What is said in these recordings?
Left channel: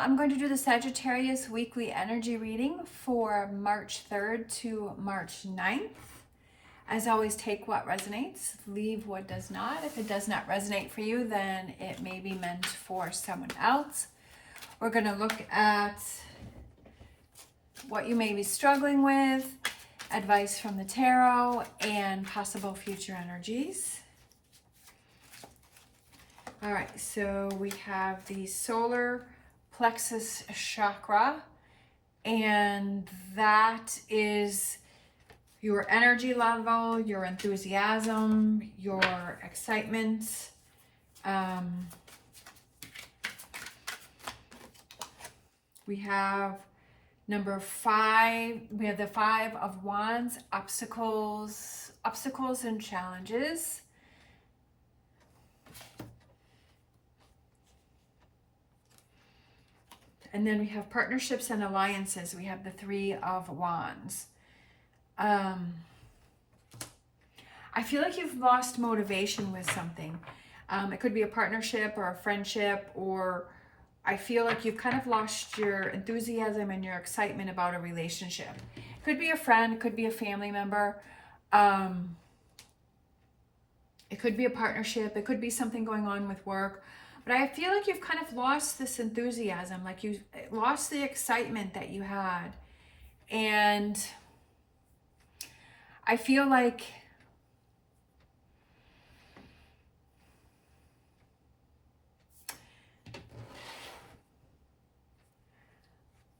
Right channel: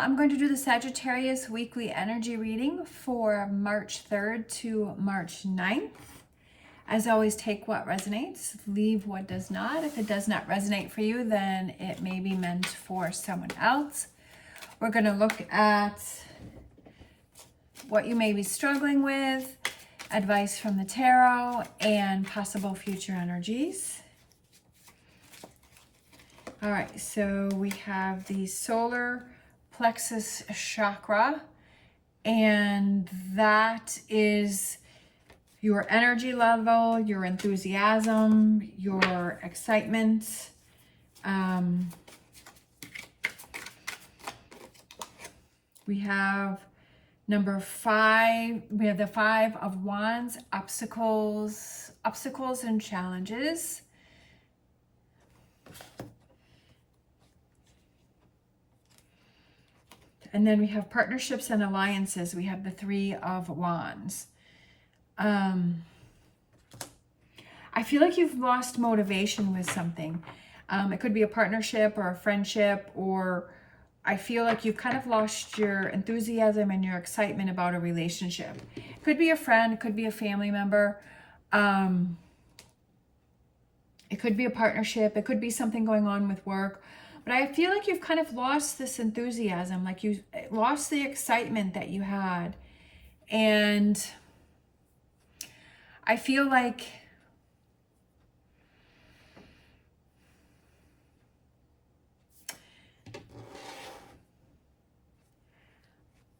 I'm going to do the Sagittarius weekly energy reading for March 3rd to March 9th. As always, take what resonates, leave what does not. If it does not resonate for you, then it may be meant for someone else. We're going to look at what you may be struggling with, advice from the tarot, and possible future energies. All right, so we have the solar plexus chakra, and that is your energy level, your enthusiasm, your excitement. We have number 5. We have the 5 of Wands, obstacles and challenges. And then we have partnerships and alliances. We have the 3 of Wands. I feel like you've lost motivation with something. It could be a partnership or a friendship, or I feel like you've kind of lost your enthusiasm and your excitement about a relationship. It could be a friend, it could be a family member. It could be a partnership. It could be something going on with work. But I feel like you've kind of lost this enthusiasm, like you lost the excitement that you had. And I feel like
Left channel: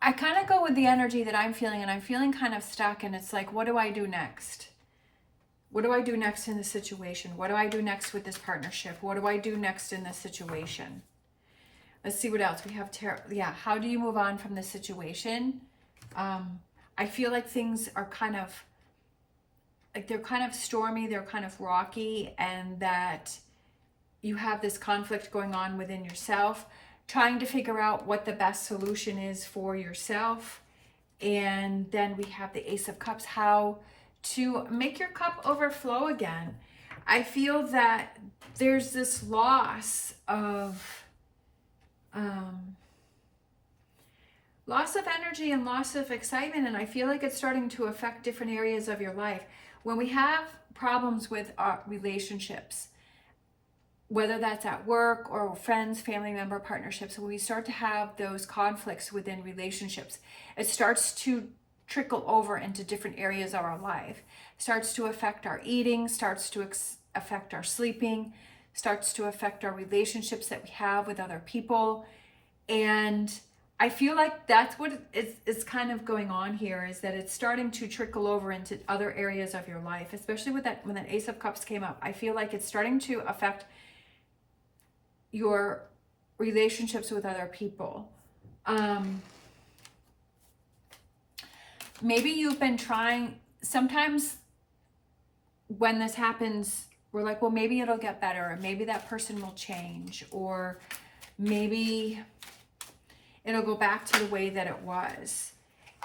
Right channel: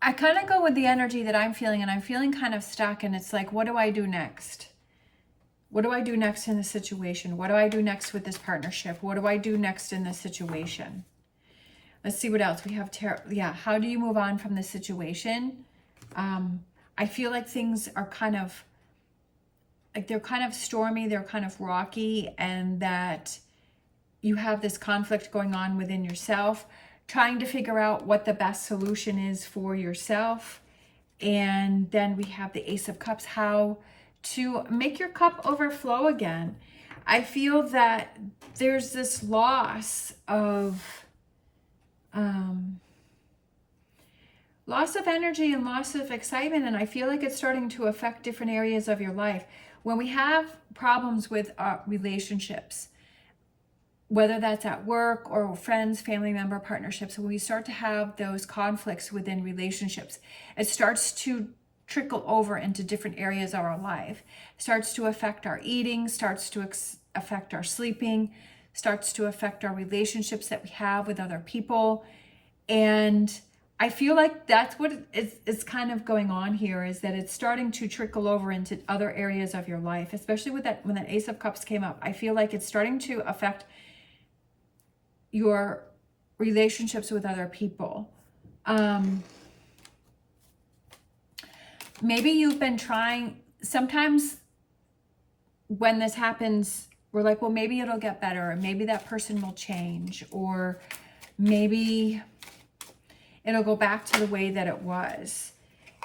I kind of go with the energy that I'm feeling, and I'm feeling kind of stuck, and it's like, what do I do next? What do I do next in this situation? What do I do next with this partnership? What do I do next in this situation? Let's see what else we have. Yeah, how do you move on from this situation? I feel like things are kind of, like they're kind of stormy, they're kind of rocky, and that you have this conflict going on within yourself, trying to figure out what the best solution is for yourself. And then we have the Ace of Cups, how to make your cup overflow again. I feel that there's this loss of energy and loss of excitement, and I feel like it's starting to affect different areas of your life. When we have problems with our relationships, whether that's at work or friends, family member, partnerships, when we start to have those conflicts within relationships, it starts to trickle over into different areas of our life. It starts to affect our eating, starts to affect our sleeping, starts to affect our relationships that we have with other people. And I feel like that's what is kind of going on here, is that it's starting to trickle over into other areas of your life, especially with that, when that Ace of Cups came up. I feel like it's starting to affect your relationships with other people. Maybe you've been trying, sometimes when this happens, we're like, well, maybe it'll get better, or maybe that person will change, or maybe it'll go back to the way that it was.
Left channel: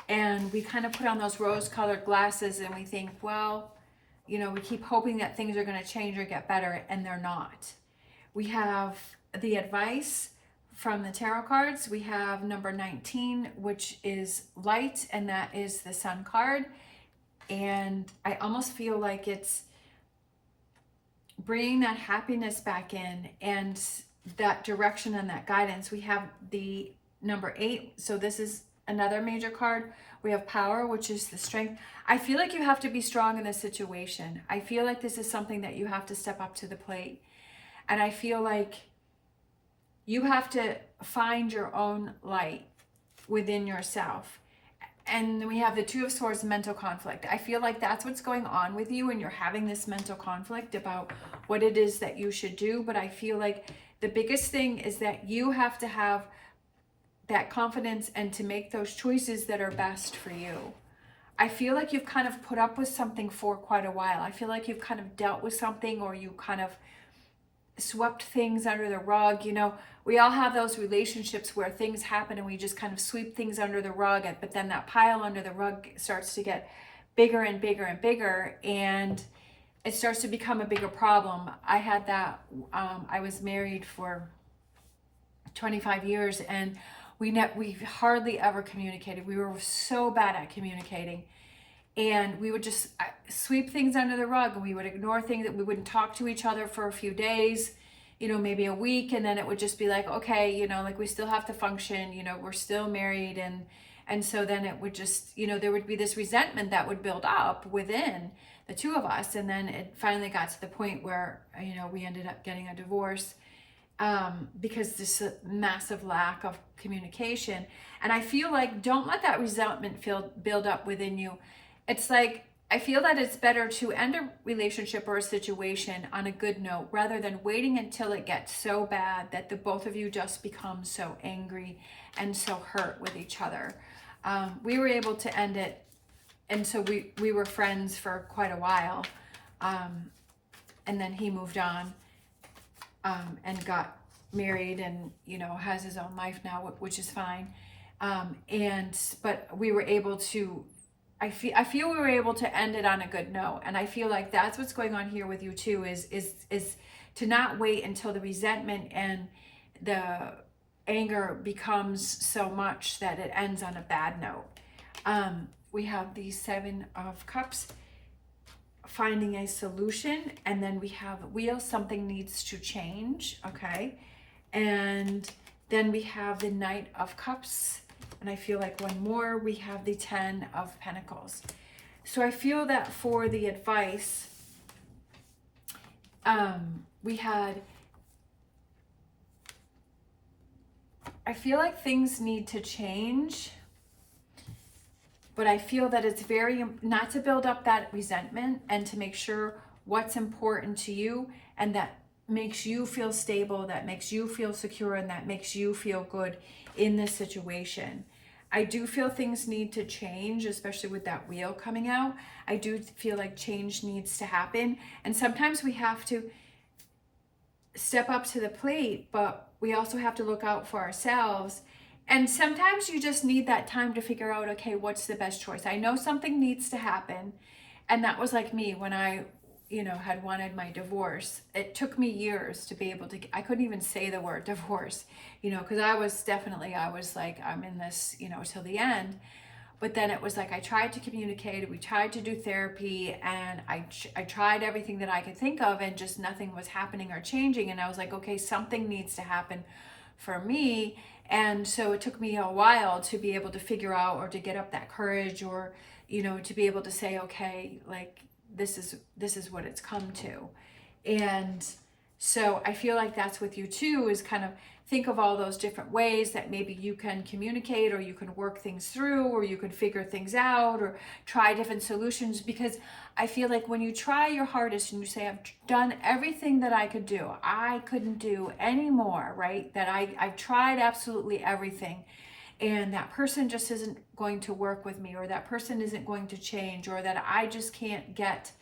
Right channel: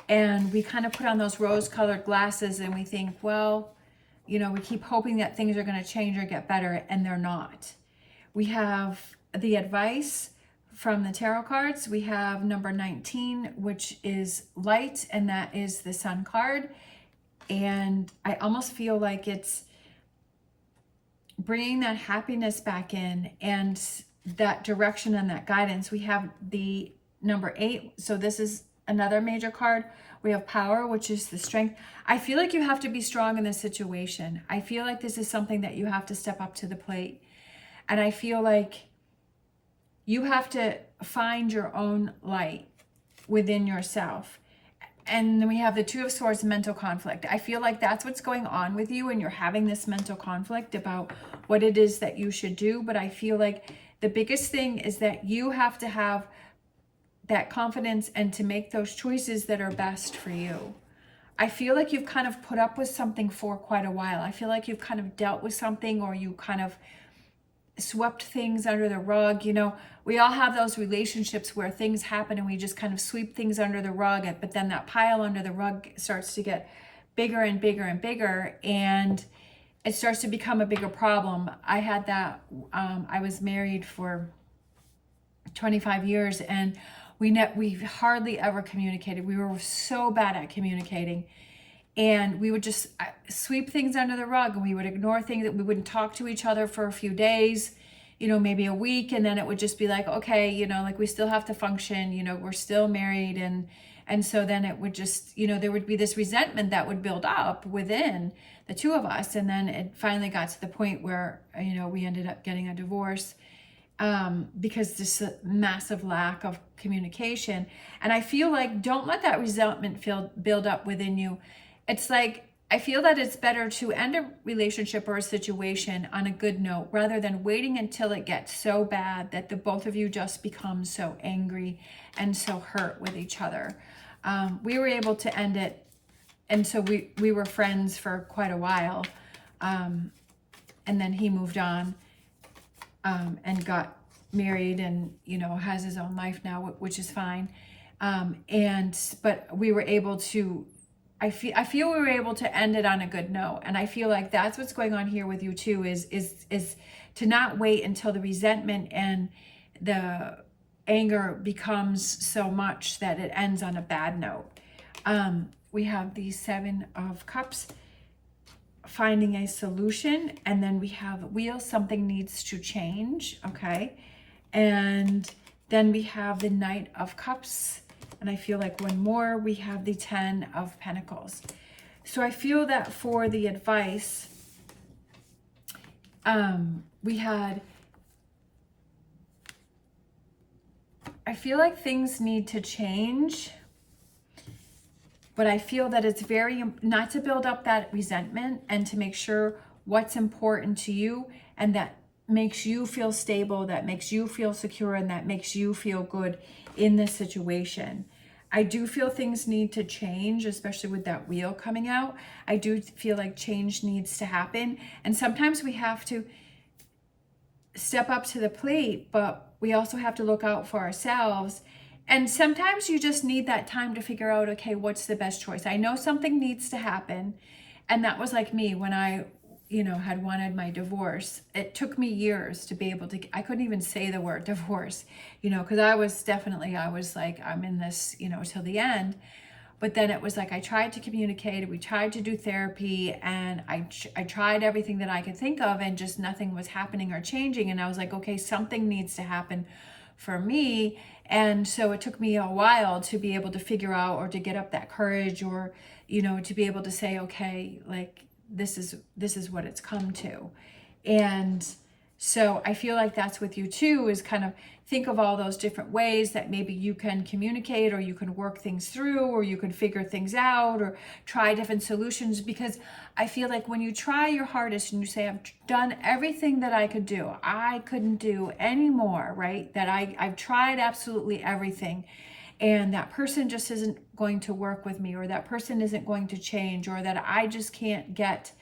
And we kind of put on those rose-colored glasses and we think, well, you know, we keep hoping that things are going to change or get better, and they're not. We have the advice from the tarot cards. We have number 19, which is light, and that is the Sun card. And I almost feel like it's bringing that happiness back in and that direction and that guidance. We have the number 8, so this is another major card. We have power, which is the strength. I feel like you have to be strong in this situation. I feel like this is something that you have to step up to the plate. And I feel like you have to find your own light within yourself. And then we have the 2 of Swords, mental conflict. I feel like that's what's going on with you, and you're having this mental conflict about what it is that you should do. But I feel like the biggest thing is that you have to have that confidence and to make those choices that are best for you. I feel like you've kind of put up with something for quite a while. I feel like you've kind of dealt with something, or you kind of swept things under the rug. You know, we all have those relationships where things happen and we just kind of sweep things under the rug, but then that pile under the rug starts to get bigger and bigger and bigger, and it starts to become a bigger problem. I had that, I was married for 25 years, and we hardly ever communicated. We were so bad at communicating. And we would just sweep things under the rug, and we would ignore things, that we wouldn't talk to each other for a few days, maybe a week. And then it would just be like, okay, like we still have to function, we're still married. And so then it would just, there would be this resentment that would build up within the two of us. And then it finally got to the point where, we ended up getting a divorce, because this massive lack of communication. And I feel like, don't let that resentment build up within you. It's like, I feel that it's better to end a relationship or a situation on a good note, rather than waiting until it gets so bad that the both of you just become so angry and so hurt with each other. We were able to end it, and so we were friends for quite a while, and then he moved on, and got married, and has his own life now, which is fine. But we were able to, I feel we were able to end it on a good note. And I feel like that's what's going on here with you too, is to not wait until the resentment and the anger becomes so much that it ends on a bad note. We have the 7 of Cups, finding a solution, and then we have Wheel, something needs to change, okay? And then we have the Knight of Cups, and I feel like one more, we have the 10 of Pentacles. So I feel that for the advice, I feel like things need to change, but I feel that it's not to build up that resentment, and to make sure what's important to you, and that makes you feel stable, that makes you feel secure, and that makes you feel good in this situation. I do feel things need to change, especially with that Wheel coming out. I do feel like change needs to happen. And sometimes we have to step up to the plate, but we also have to look out for ourselves. And sometimes you just need that time to figure out, okay, what's the best choice? I know something needs to happen. And that was like me when I, had wanted my divorce. It took me years to be able to, I couldn't even say the word divorce, because I was like, I'm in this, till the end. But then it was like, I tried to communicate, we tried to do therapy, and I tried everything that I could think of, and just nothing was happening or changing. And I was like, okay, something needs to happen for me. And so it took me a while to be able to figure out, or to get up that courage, or, to be able to say, okay, like, this is what it's come to. And so I feel like that's with you too, is kind of think of all those different ways that maybe you can communicate, or you can work things through, or you can figure things out, or try different solutions. Because I feel like when you try your hardest and you say, I've done everything that I could do, I couldn't do any more, right? That I've tried absolutely everything, and that person just isn't going to work with me, or that person isn't going to change, or that I just can't get,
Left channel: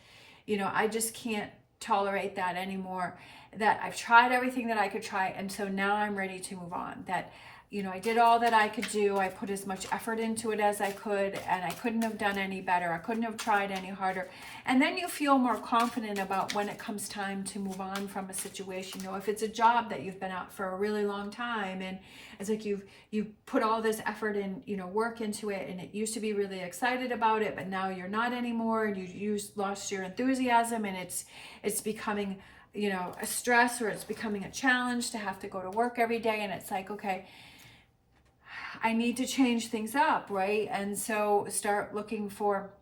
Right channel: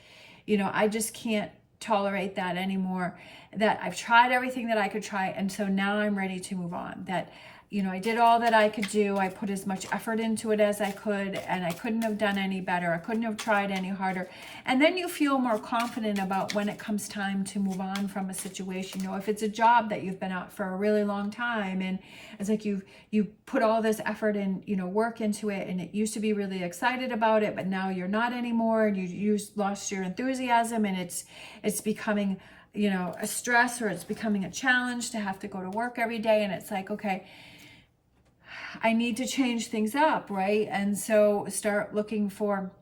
I just can't tolerate that anymore, that I've tried everything that I could try, and so now I'm ready to move on. That, I did all that I could do, I put as much effort into it as I could, and I couldn't have done any better, I couldn't have tried any harder. And then you feel more confident about when it comes time to move on from a situation. If it's a job that you've been out for a really long time, and it's like you put all this effort and work into it, and it used to be really excited about it, but now you're not anymore, and you lost your enthusiasm, and it's becoming a stress, or it's becoming a challenge to have to go to work every day. And it's like, okay, I need to change things up, right? And so start looking for,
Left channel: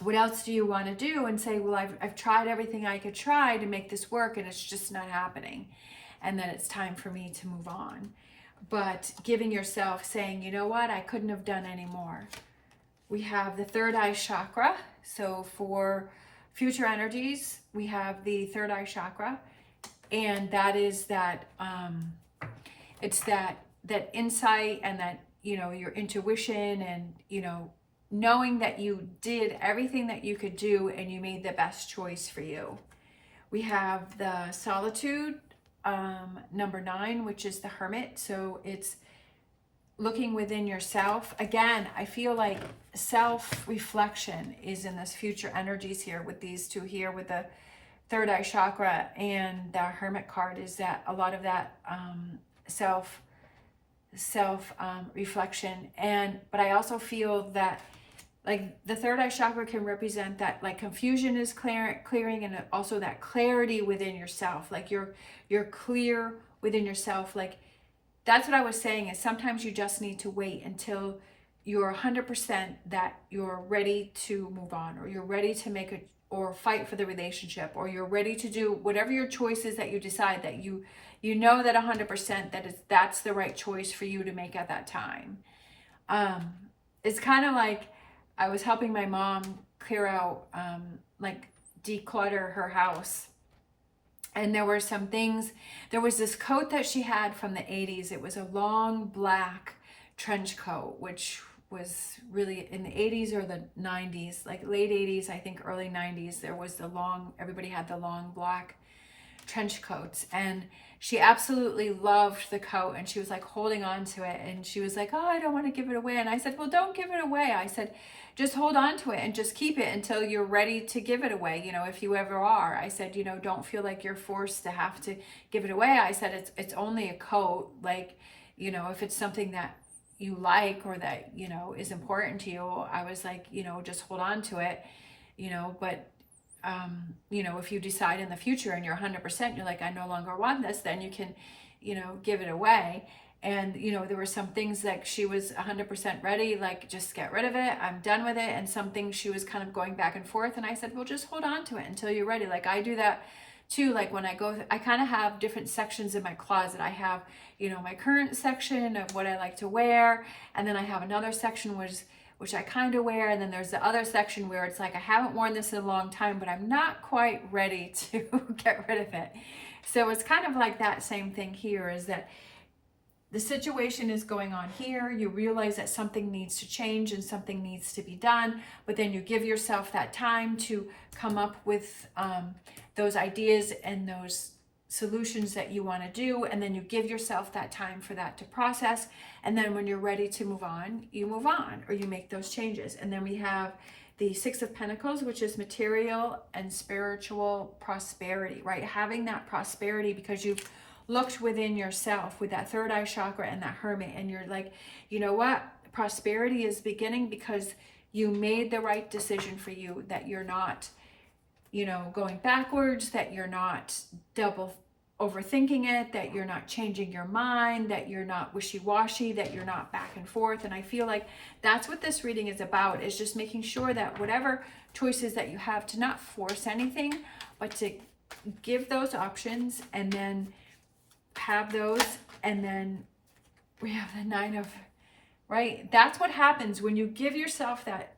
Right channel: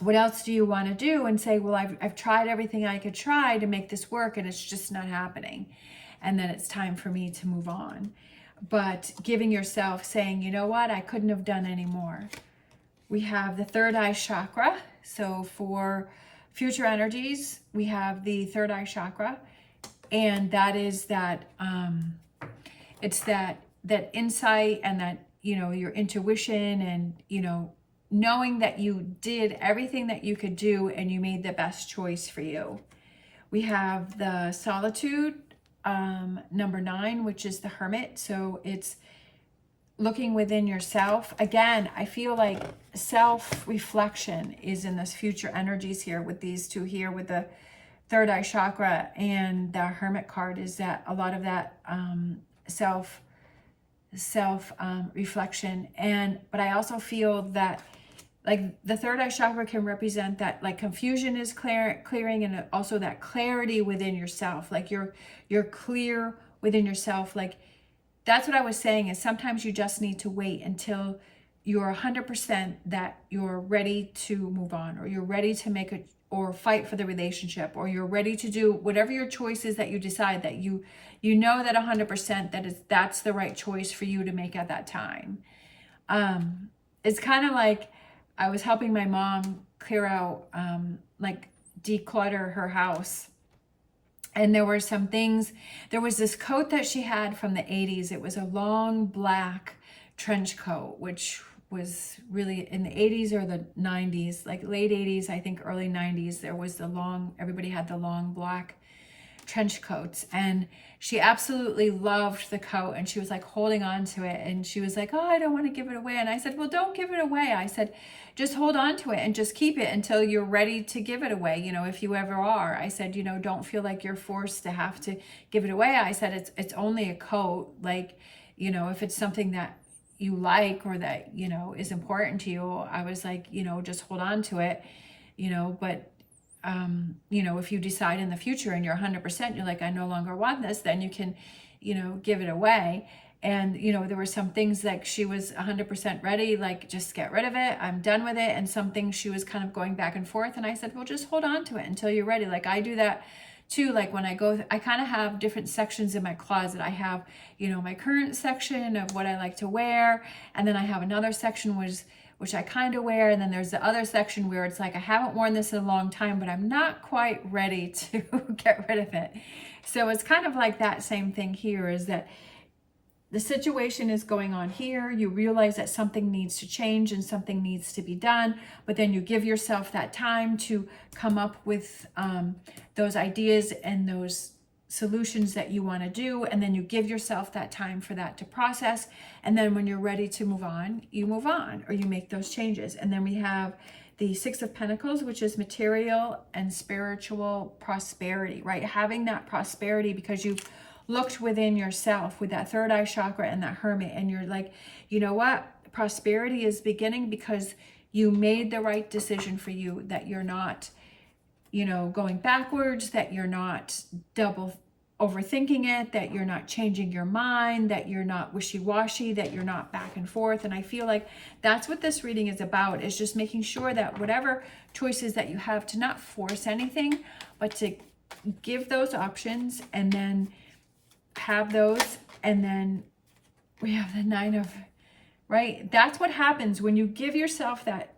what else do you want to do? And say, well, I've tried everything I could try to make this work, and it's just not happening. And then it's time for me to move on. But giving yourself, saying, you know what, I couldn't have done any more. We have the third eye chakra. So for future energies, we have the third eye chakra. And that is that, it's that insight, and that, your intuition, and, knowing that you did everything that you could do, and you made the best choice for you. We have the solitude, number 9, which is the Hermit. So it's looking within yourself. Again, I feel like self-reflection is in this future energies here with these two here, with the third eye chakra and the Hermit card, is that a lot of that self reflection. But I also feel that like the third eye chakra can represent that like confusion is clearing, and also that clarity within yourself. Like you're clear within yourself. Like that's what I was saying, is sometimes you just need to wait until you're 100% that you're ready to move on, or you're ready to make or fight for the relationship, or you're ready to do whatever your choice is that you decide, that you know that 100% that's the right choice for you to make at that time. It's kind of like I was helping my mom clear out, like declutter her house. And there were some things, there was this coat that she had from the 80s. It was a long black trench coat, which was really in the 80s or the 90s, like late 80s, I think early 90s. There was everybody had the long black trench coats, and she absolutely loved the coat, and she was like holding on to it, and she was like, oh, I don't want to give it away. And I said, well, don't give it away. I said, just hold on to it and just keep it until you're ready to give it away, if you ever are. I said, don't feel like you're forced to have to give it away. I said, it's only a coat. Like, if it's something that you like or that is important to you, I was like, just hold on to it, but if you decide in the future and you're 100%, you're like, I no longer want this, then you can, give it away. And, there were some things like she was 100% ready, like just get rid of it, I'm done with it. And some things she was kind of going back and forth. And I said, well, just hold on to it until you're ready. Like I do that too. Like when I kind of have different sections in my closet. I have, my current section of what I like to wear. And then I have another section which I kind of wear. And then there's the other section where it's like, I haven't worn this in a long time, but I'm not quite ready to get rid of it. So it's kind of like that same thing here, is that the situation is going on here. You realize that something needs to change and something needs to be done, but then you give yourself that time to come up with those ideas and those solutions that you want to do, and then you give yourself that time for that to process. And then when you're ready to move on, you move on, or you make those changes. And then we have the Six of Pentacles, which is material and spiritual prosperity, right? Having that prosperity because you've looked within yourself with that third eye chakra and that Hermit, and you're like, you know what? Prosperity is beginning because you made the right decision for you, that you're not, going backwards, that you're not double overthinking it, that you're not changing your mind, that you're not wishy-washy, that you're not back and forth. And I feel like that's what this reading is about, is just making sure that whatever choices that you have, to not force anything, but to give those options, and then have those. And then we have the Nine of, right? That's what happens when you give yourself that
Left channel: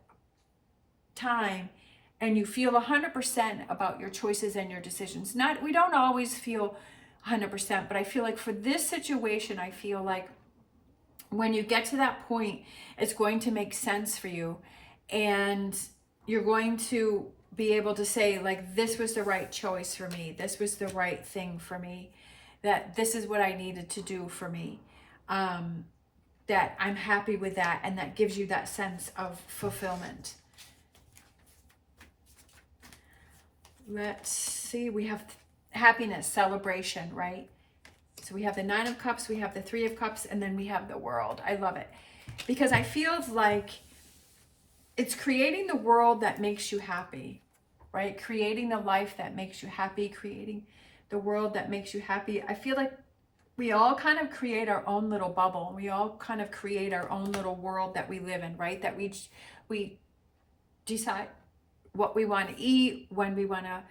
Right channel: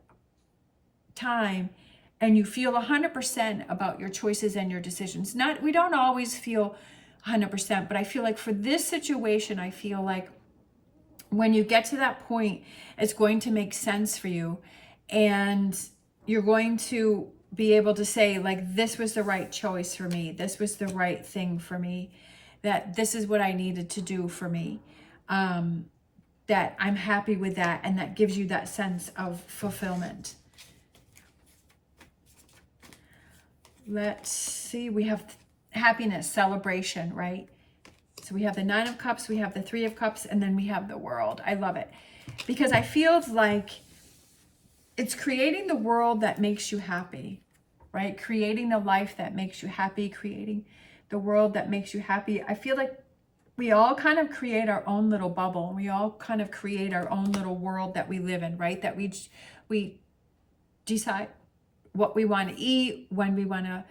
time and you feel 100% about your choices and your decisions. We don't always feel 100%, but I feel like for this situation, I feel like when you get to that point, it's going to make sense for you, and you're going to be able to say, like, this was the right choice for me. This was the right thing for me. That this is what I needed to do for me, that I'm happy with that, and that gives you that sense of fulfillment. Let's see, we have happiness, celebration, right? So we have the Nine of Cups, we have the Three of Cups, and then we have the World. I love it because I feel like it's creating the world that makes you happy, right? Creating the life that makes you happy, creating the world that makes you happy. I feel like we all kind of create our own little bubble. We all kind of create our own little world that we live in, right? That we decide what we want to eat, when we want to,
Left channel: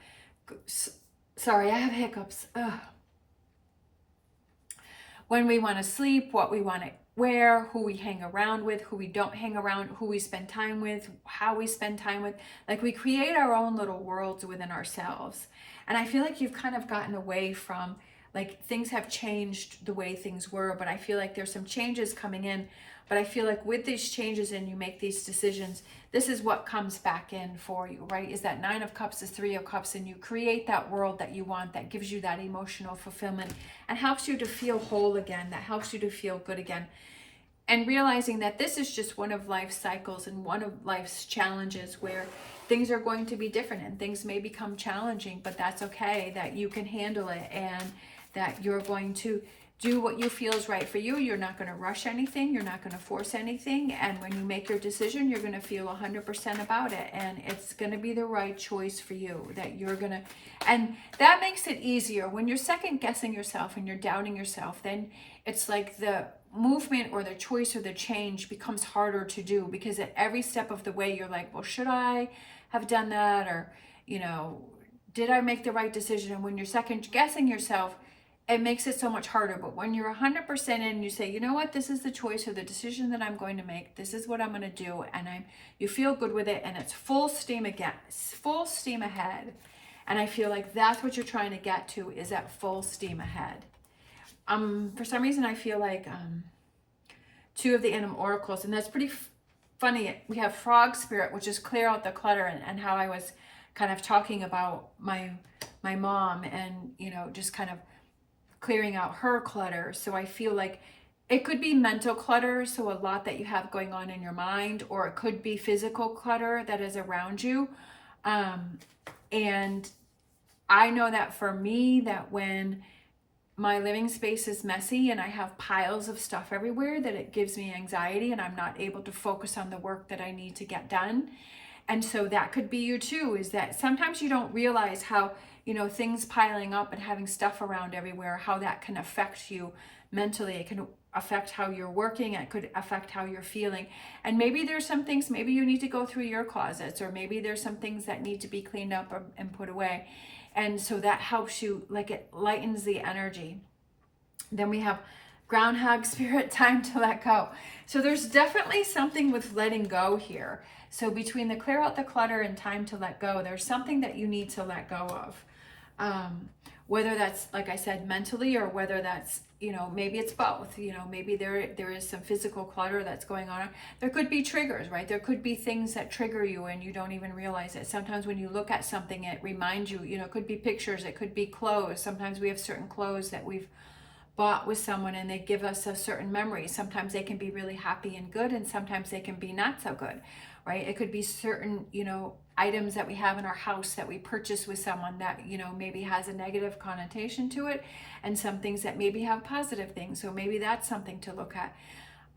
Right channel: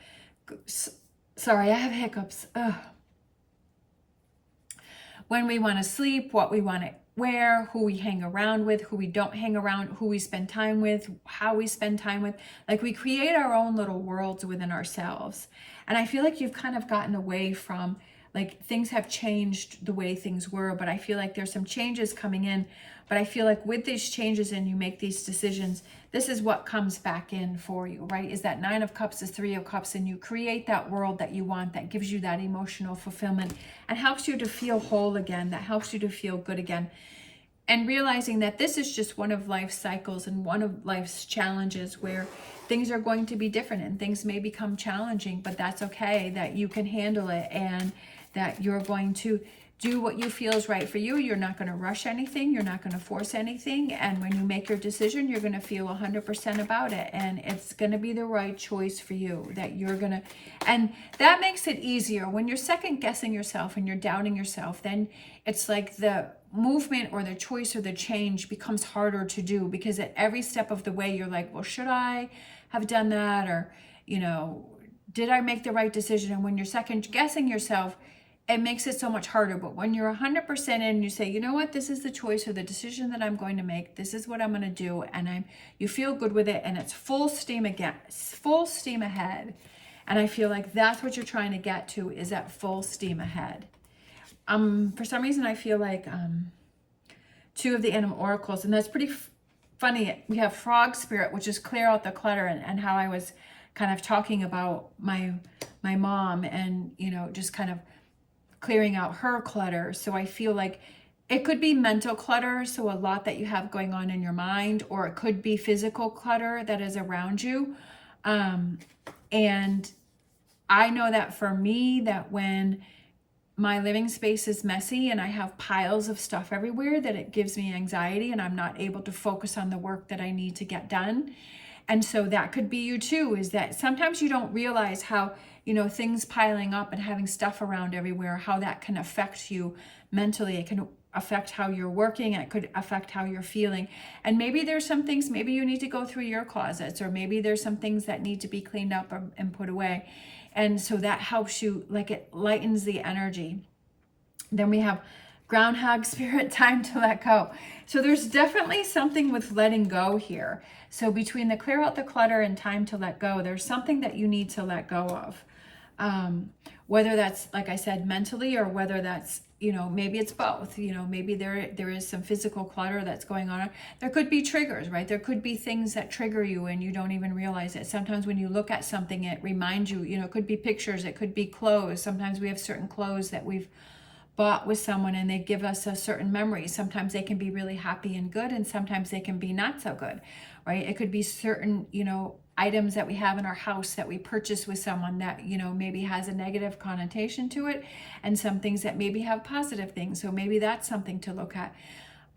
sorry, I have hiccups. Ugh. When we want to sleep, what we want to wear, who we hang around with, who we don't hang around, who we spend time with, how we spend time with. Like we create our own little worlds within ourselves. And I feel like you've kind of gotten away from, like, things have changed the way things were, but I feel like there's some changes coming in. But I feel like with these changes and you make these decisions, this is what comes back in for you, right? Is that Nine of Cups, is Three of Cups, and you create that world that you want, that gives you that emotional fulfillment and helps you to feel whole again, that helps you to feel good again. And realizing that this is just one of life's cycles and one of life's challenges, where things are going to be different and things may become challenging, but that's okay, that you can handle it, and that you're going to do what you feel is right for you. You're not going to rush anything. You're not going to force anything. And when you make your decision, you're going to feel 100% about it. And it's going to be the right choice for you that you're going to, and that makes it easier. When you're second guessing yourself and you're doubting yourself, then it's like the movement or the choice or the change becomes harder to do, because at every step of the way, you're like, well, should I have done that? Or, you know, did I make the right decision? And when you're second guessing yourself, it makes it so much harder. But when you're 100% in, you say, you know what, this is the choice or the decision that I'm going to make. This is what I'm going to do. And you feel good with it, and it's full steam ahead. And I feel like that's what you're trying to get to, is that full steam ahead. For some reason, I feel like two of the animal oracles, and that's pretty funny. We have frog spirit, which is clear out the clutter, and how I was kind of talking about my mom, and, you know, just kind of clearing out her clutter. So I feel like it could be mental clutter, so a lot that you have going on in your mind, or it could be physical clutter that is around you. And I know that for me, that when my living space is messy and I have piles of stuff everywhere, that it gives me anxiety and I'm not able to focus on the work that I need to get done. And so that could be you too, is that sometimes you don't realize how, you know, things piling up and having stuff around everywhere, how that can affect you mentally. It can affect how you're working. It could affect how you're feeling. And maybe there's some things, maybe you need to go through your closets, or maybe there's some things that need to be cleaned up and put away. And so that helps you, like, it lightens the energy. Then we have groundhog spirit, time to let go. So there's definitely something with letting go here. So between the clear out the clutter and time to let go, there's something that you need to let go of. Whether that's, like I said, mentally, or whether that's, you know, maybe it's both. You know, maybe there is some physical clutter that's going on. There could be triggers, right? There could be things that trigger you and you don't even realize it. Sometimes when you look at something, it reminds you, you know, it could be pictures, it could be clothes. Sometimes we have certain clothes that we've bought with someone and they give us a certain memory. Sometimes they can be really happy and good, and sometimes they can be not so good, right? It could be certain, you know, items that we have in our house that we purchase with someone that, you know, maybe has a negative connotation to it, and some things that maybe have positive things. So maybe that's something to look at.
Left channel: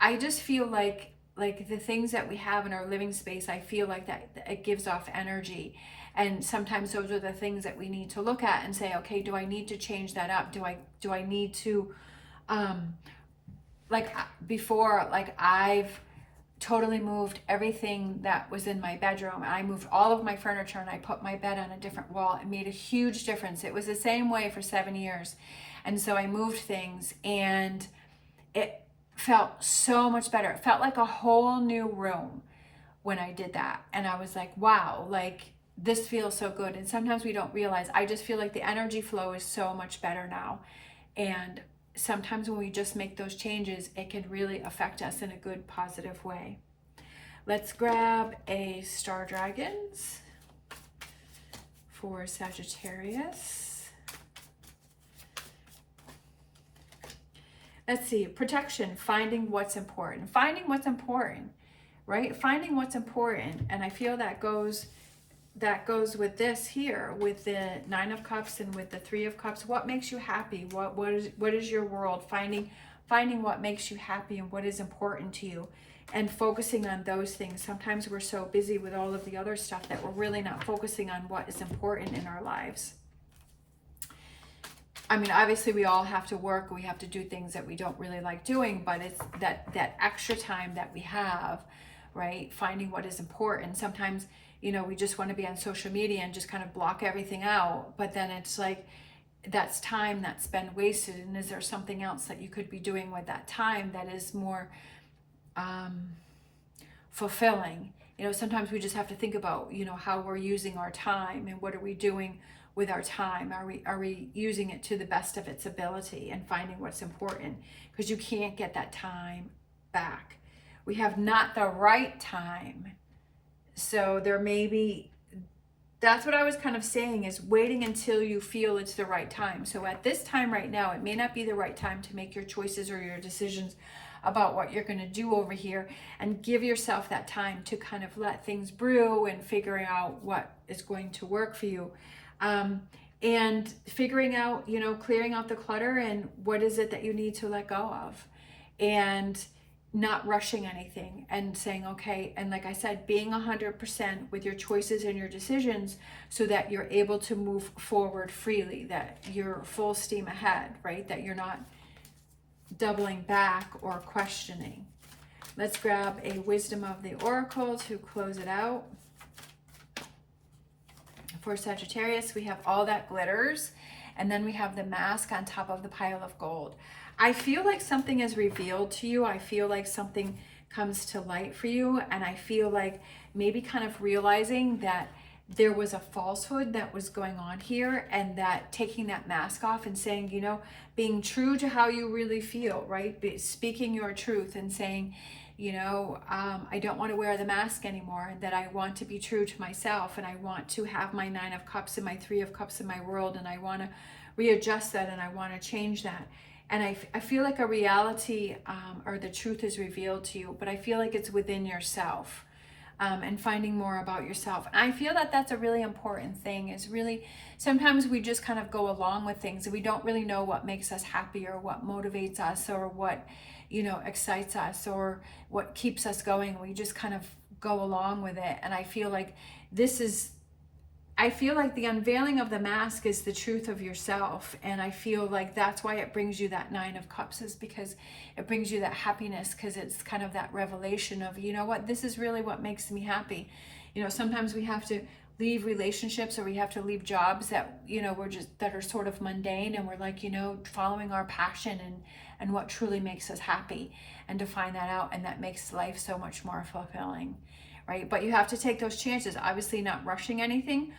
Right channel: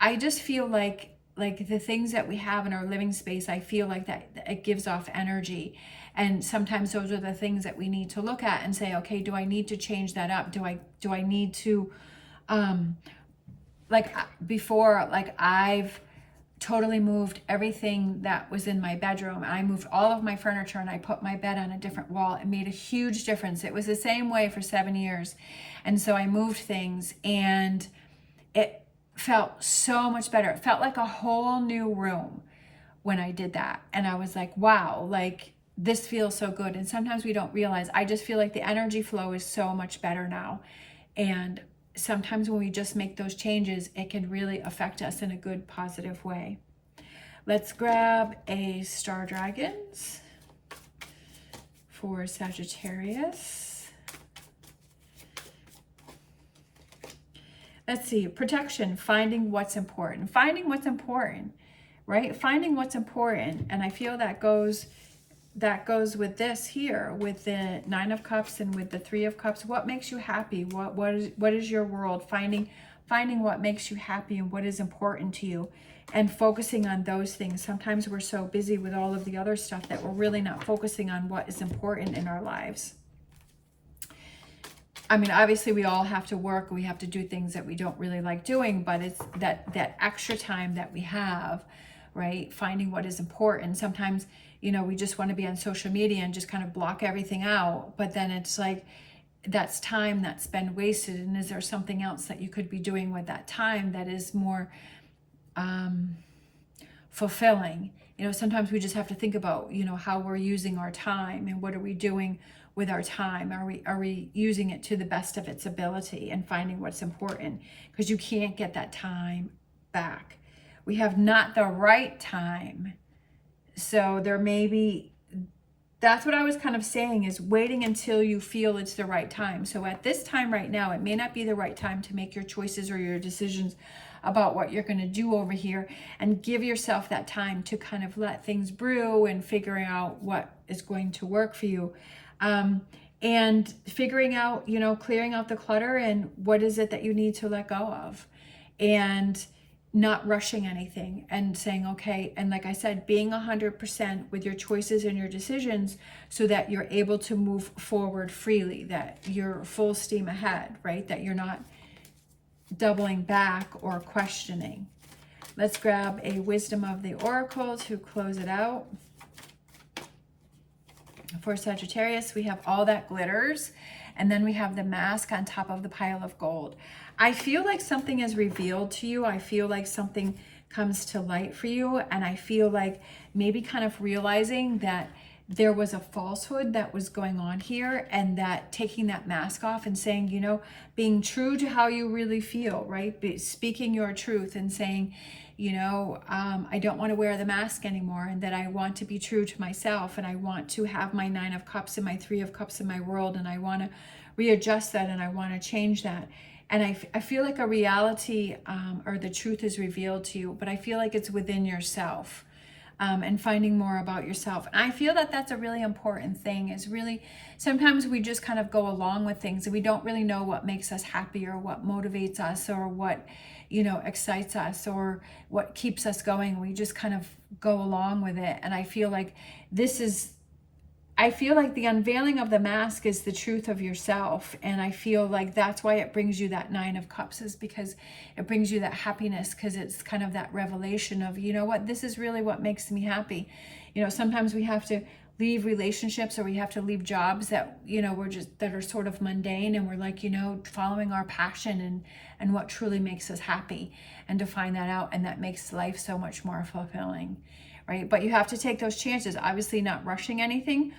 I just feel like the things that we have in our living space, I feel like that it gives off energy. And sometimes those are the things that we need to look at and say, okay, do I need to change that up? Do I need to, like before, like I've totally moved everything that was in my bedroom. I moved all of my furniture and I put my bed on a different wall. It made a huge difference. It was the same way for 7 years. And so I moved things and it felt so much better. It felt like a whole new room when I did that. And I was like, wow, like this feels so good. And sometimes we don't realize, I just feel like the energy flow is so much better now. And sometimes when we just make those changes, it can really affect us in a good, positive way. Let's grab a Star Dragons for Sagittarius. Let's see, protection, finding what's important. Finding what's important, right? Finding what's important. And I feel that goes with this here, with the 9 of Cups and with the 3 of Cups. What makes you happy? What is your world? Finding what makes you happy and what is important to you, and focusing on those things. Sometimes we're so busy with all of the other stuff that we're really not focusing on what is important in our lives. I mean, obviously we all have to work, we have to do things that we don't really like doing, but it's that extra time that we have, right? Finding what is important. Sometimes, you know, we just want to be on social media and just kind of block everything out. But then it's like, that's time that's been wasted. And is there something else that you could be doing with that time that is more fulfilling? You know, sometimes we just have to think about, you know, how we're using our time and what are we doing with our time? Are we using it to the best of its ability, and finding what's important, because you can't get that time back. We have not the right time. So there may be, that's what I was kind of saying, is waiting until you feel it's the right time. So at this time right now, it may not be the right time to make your choices or your decisions about what you're going to do over here, and give yourself that time to kind of let things brew and figure out what is going to work for you. and figuring out, you know, clearing out the clutter and what is it that you need to let go of, and not rushing anything, and saying, okay, and like I said, being 100% with your choices and your decisions so that you're able to move forward freely, that you're full steam ahead, right? That you're not doubling back or questioning. Let's grab a wisdom of the oracle to close it out. For Sagittarius, we have all that glitters, and then we have the mask on top of the pile of gold. I feel like something is revealed to you. I feel like something comes to light for you, and I feel like maybe kind of realizing that there was a falsehood that was going on here, and that taking that mask off and saying, you know, being true to how you really feel, right? Speaking your truth and saying, you know, I don't want to wear the mask anymore, and that I want to be true to myself, and I want to have my 9 of Cups and my 3 of Cups in my world, and I want to readjust that, and I want to change that. And I feel like a reality or the truth is revealed to you, but I feel like it's within yourself. And finding more about yourself. And I feel that that's a really important thing, is really, sometimes we just kind of go along with things and we don't really know what makes us happy, or what motivates us, or what, you know, excites us, or what keeps us going. We just kind of go along with it. And I feel like the unveiling of the mask is the truth of yourself. And I feel like that's why it brings you that 9 of Cups, is because it brings you that happiness, because it's kind of that revelation of, you know what, this is really what makes me happy. You know, sometimes we have to leave relationships, or we have to leave jobs that, you know, that are sort of mundane, and we're like, you know, following our passion and what truly makes us happy, and to find that out, and that makes life so much more fulfilling. Right? But you have to take those chances, obviously not rushing anything,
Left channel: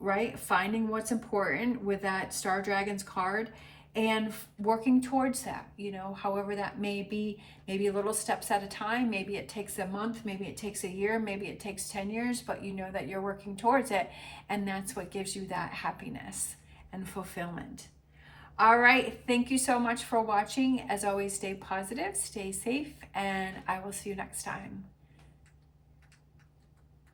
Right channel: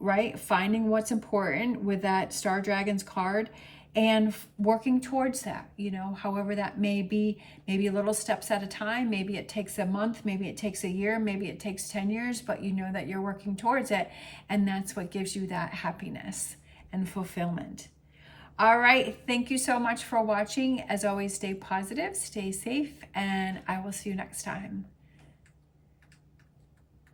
right? Finding what's important with that Star Dragons card, and working towards that, you know, however that may be, maybe little steps at a time. Maybe it takes a month, maybe it takes a year, maybe it takes 10 years, but you know that you're working towards it. And that's what gives you that happiness and fulfillment. All right. Thank you so much for watching. As always, stay positive, stay safe, and I will see you next time.